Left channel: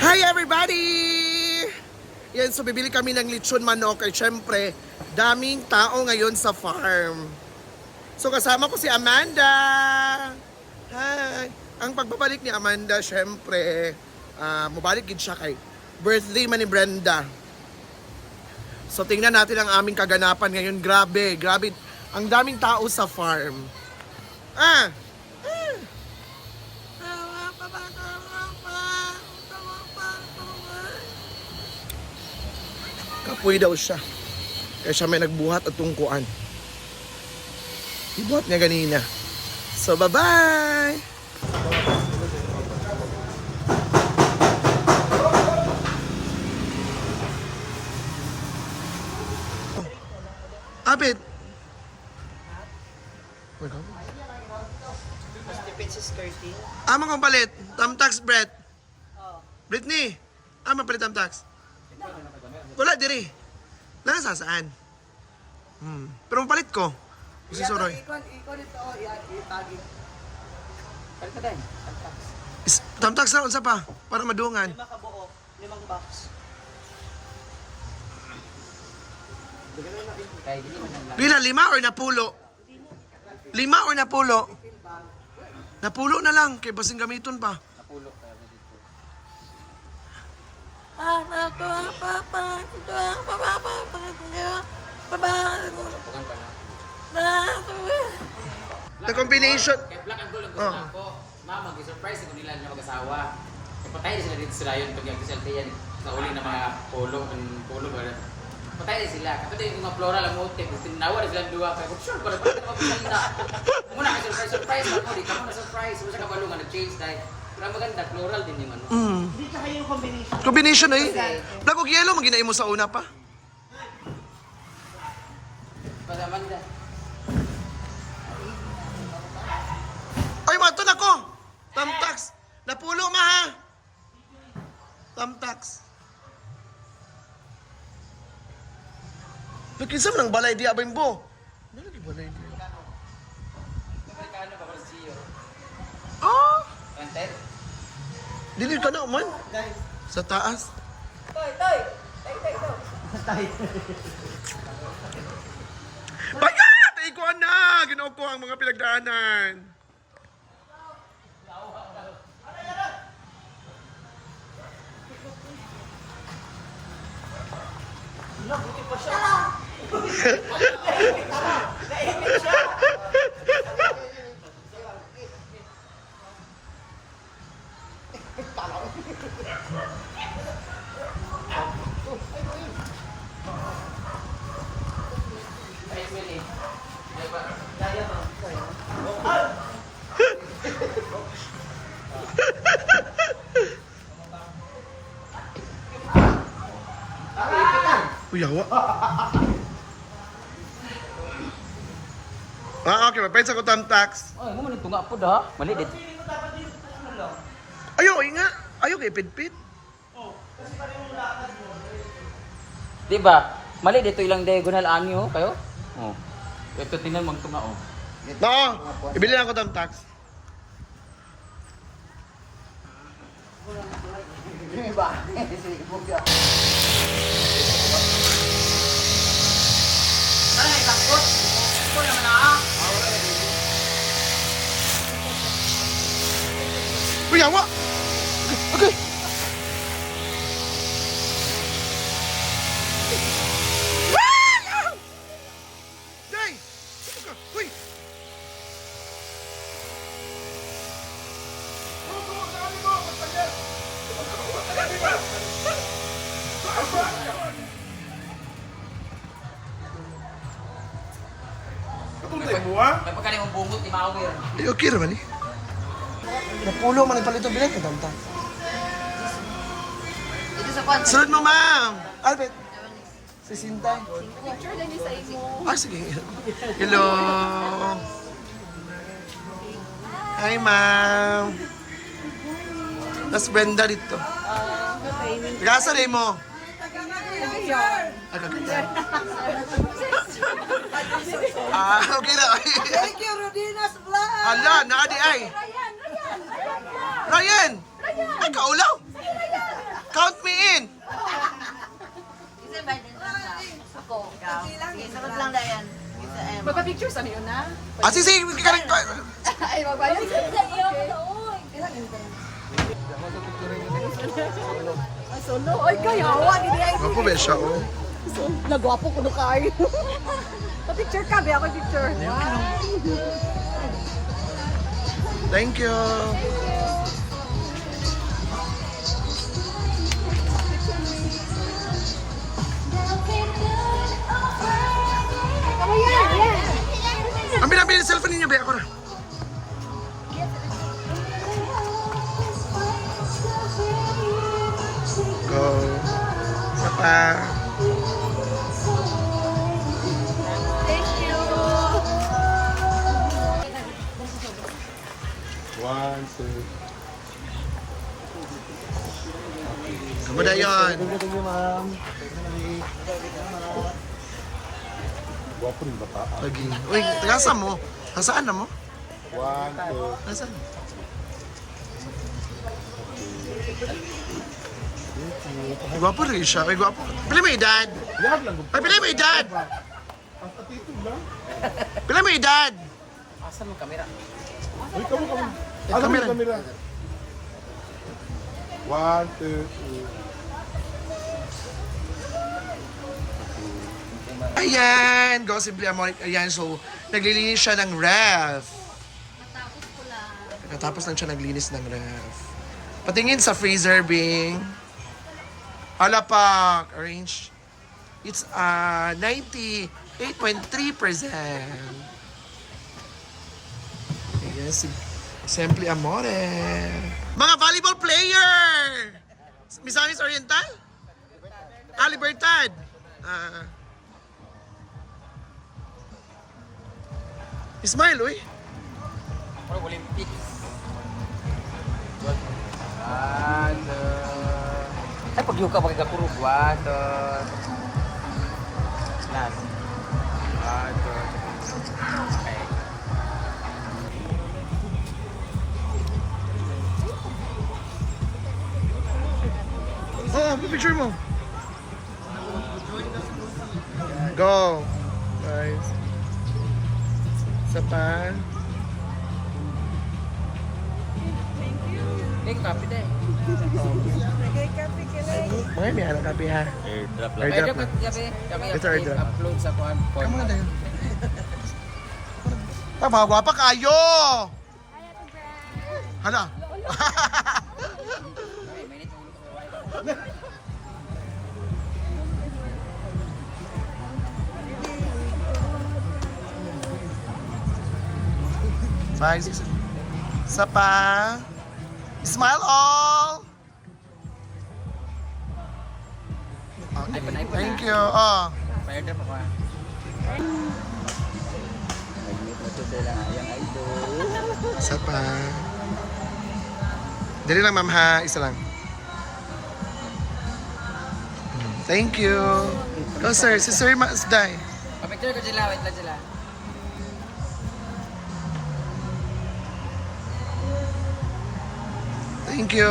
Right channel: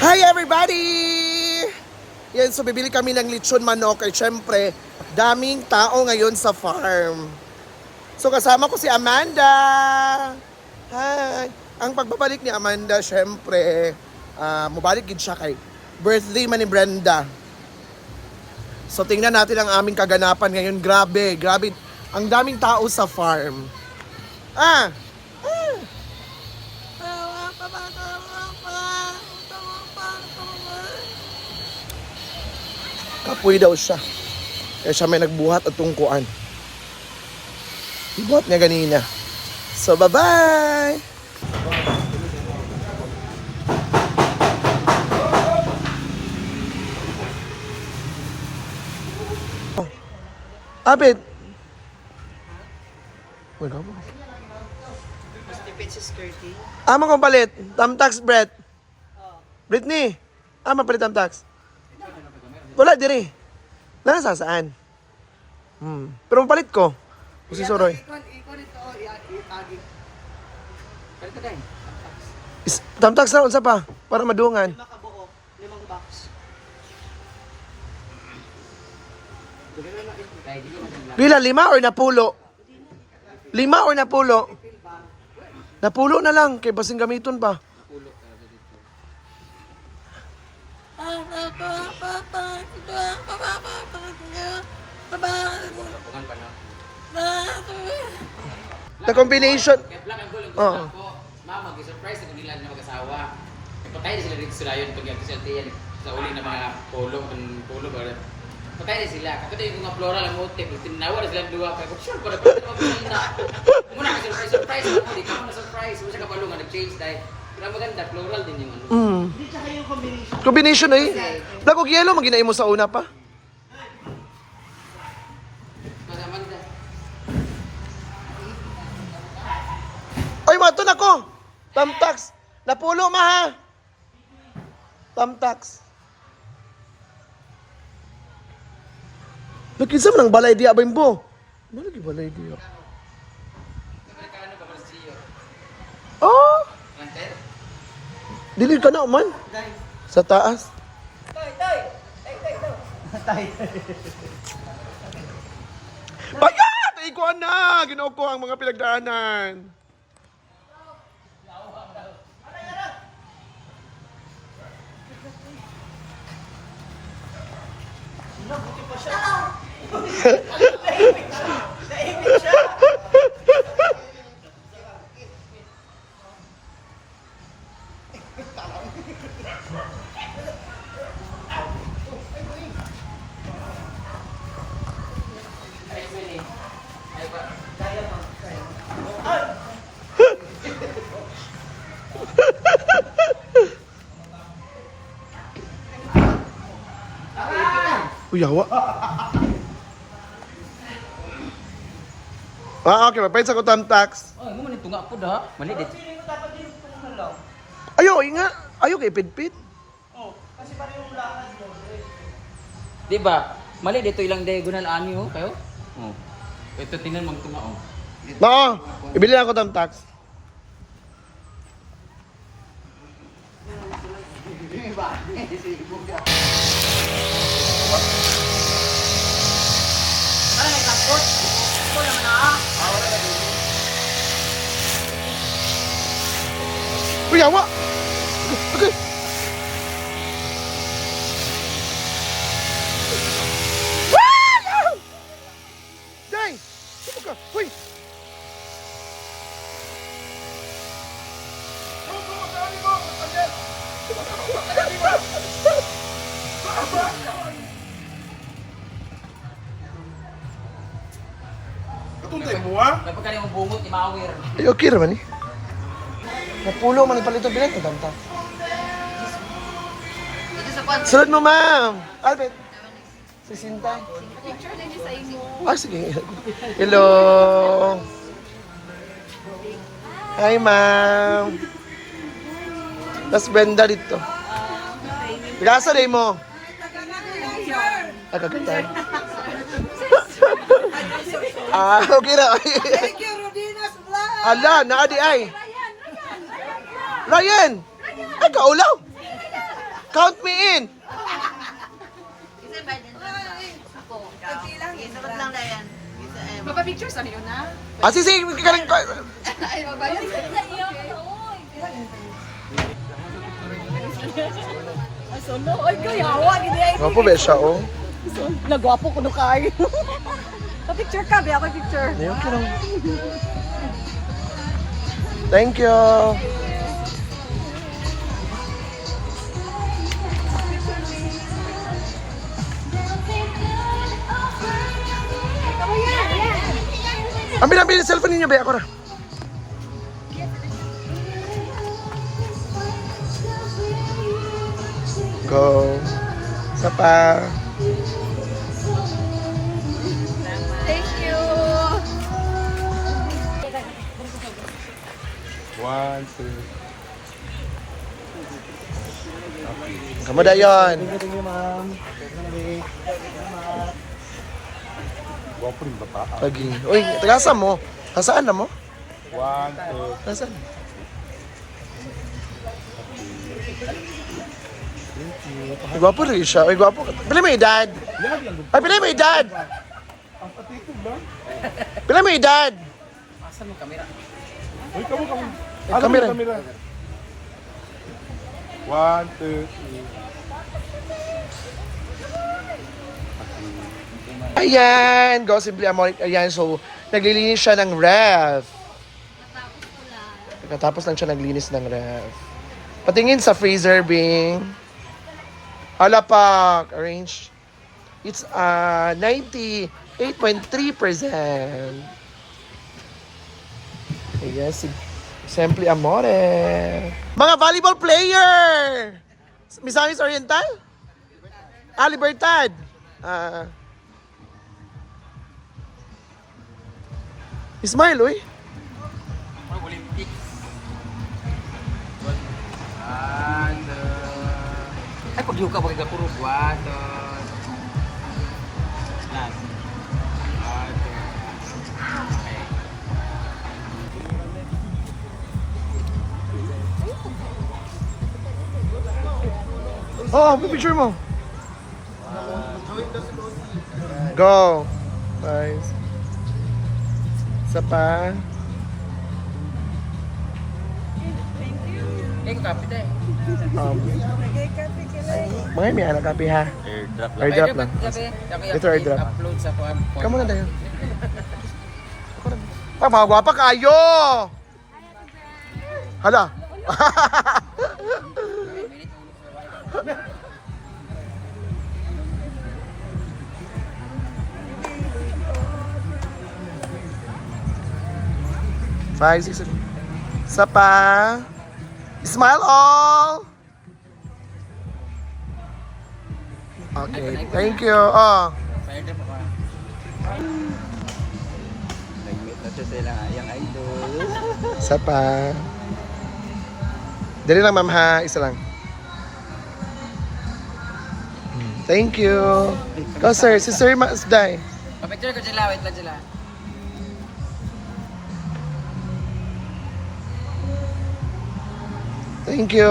Hi everybody! Yan, so bibili kami ng lechon manok at syempre, daming tao ngayon sa farm. So kasama ko si Amanda. Hi! Ang pagbabalik ni Amanda, syempre, mabalik gid siya kay birthday man ni Brenda. So tingnan natin ang aming kaganapan ngayon. Grabe, grabe. Ang daming tao sa farm. Kapoy daw siya. Kaya siya may nagbuhat at tungkuan. Ibuhat niya ganina. So, bye-bye! Abit! Ama kong palit. Tamtax, Brett. Britney. Ama palit tamtax. Wala diri. Nasa saan? Pero mapalit ko. Si Soroy. Tamtax na unsa pa para madungan. 5 kabuo, 5 box. Pila 5 or napulo? 5 or napulo? Napulo na lang kay basing gamiton pa. The combination. Black and gold ang gusto ko. Mama, mag-surprise ko nila na mag-asawa. Patay sila dito sila yun pag yung sa uli na mga polo ba. Patay sila. Kapag yung mga floral ang motif, tinawa na sila ang luwa. Kaya sure, para mag-pinta. Muna ka surprise ako. Di ka mo na-surprise. Masa ka palo nga nag-change dahil maganda, floral din yung ano. Hindi tsaka yung combination. Combination eh. Black o yellow, maginain mo sa una pa. Pag-amanda. Ay, mato na ko! Tamtax! Napulo ma ha! Tamtax. Nagkisam ng balay diya ba yung bo? Balay di balay diya. Oh! Planter? Dili ka na man? Sa taas. Tay daw. Pagkat! Ikuan na! Ginoo ko ang mga pinagdaanan. Buti pa siya. Naipit siya. Ay, Meli. Ay, ba? Kaya to. Uy, yawa. Okay, mapahit sa ko tamtax. Ay, mo man tunga po da. Mali dit. Hindi mo dapat dito tulungan lang. Ayaw, nga. Ayaw kay pit-pit. Oh, kasi parang yung lakad mo. Di ba? Mali dito ilang diagonal ani oh kayo? Oh. Ito tingnan mang tunga oh. Oo, ibili lang ko tamtax. Ay, takot. Ito naman ah. Uy, yawa! Okay. Day! Sino ka? Uy! Katuntay mo ha? Kapag kanang bungot ni Mawir. Ay, okay naman eh. Napulo man ipalito bilet ng tamta. Ito sa kwan. Sunod mo, ma'am! Albert! Si Sintay. Picture din sa imo. Sige. Hello! Hi, ma'am! Tas Brenda dito. Gasa din mo. Kagatan. Okay na. Thank you, Rodinas Vlog. Ala, naadi ay. Ryan! Ay, kaulaw! Count me in! Magpa-picture sa niyo na? Ah, sige, karang... Ay, magbayad. Ay, solo. Ay, kayawa. Gini ay. Ano po ba siya, oh? Nagwapo ko no kayo. Pa-picture ka, biya pa-picture. Ayun, karang... Thank you. Ambil cellphone ninyo, be. Ako na. Go. Isa pa. Thank you. One, two. Kamu da yun. Thank you, ma'am. Gwapo rin baka. Lagi. Uy, tagasan mo. Nasaan na mo? One, two. Nasaan? Ay, gwapo rin siya. Ay, gwapo. Pila may edad? Yan lang. Ay, pila may edad? Ang patikog lang. Pila may edad? Asan mo kamera? Uy, kamo. Kamera. Kamera. One, two, three. Ayan, Go Simply Amoric. Ayan, so naglilinis siya ng ref. Katapos lang siya naglinis ng ref. Patingin sa freezer, Bing. Halapak. Arrange. It's 98.3%. Ayan, Simply Amore. Mga volleyball player! Misamis Oriental? Libertad. Smile, uy. Oh, Olympics. Ay, pag yung ka magkakuro. One, last. Okay. Oh, picture mo. Go. Nice. Isa pa. Eh, kapit eh. Mga may anak kapi ha. Airdrop lang. Ay, dapat kami Ito, ito. upload sa kuan. Kamu na tayo. Ah, mga gwapa kayo! Hala. Bye, six. Isa pa. Smile all! Okay, Ay, thank you. Oh. Fire drop ako. Isa pa. Dali lang, ma'am, ha? Isa lang. Thank you. Go, sir. Si Sir Masday. Pa-picture ko sila, wait lang sila. Thank you.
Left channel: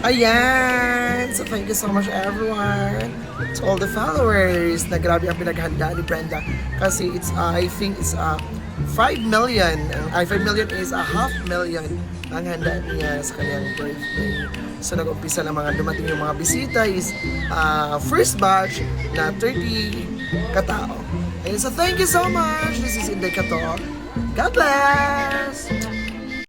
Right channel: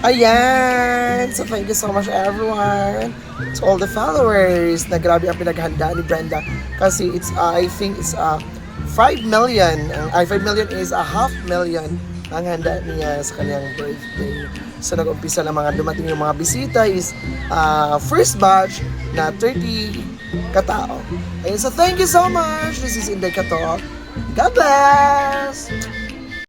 Ayan! So thank you so much everyone. To all the followers na grabe ang pinaghanda ni Brenda. Kasi it's, I think it's 5 million. 5 million is a 500,000 ang handa niya sa kanyang birthday. So nag-umpisa na mga dumating yung mga bisita is first batch na 30 katao. Ayun, so thank you so much. This is Inday Kato. God bless!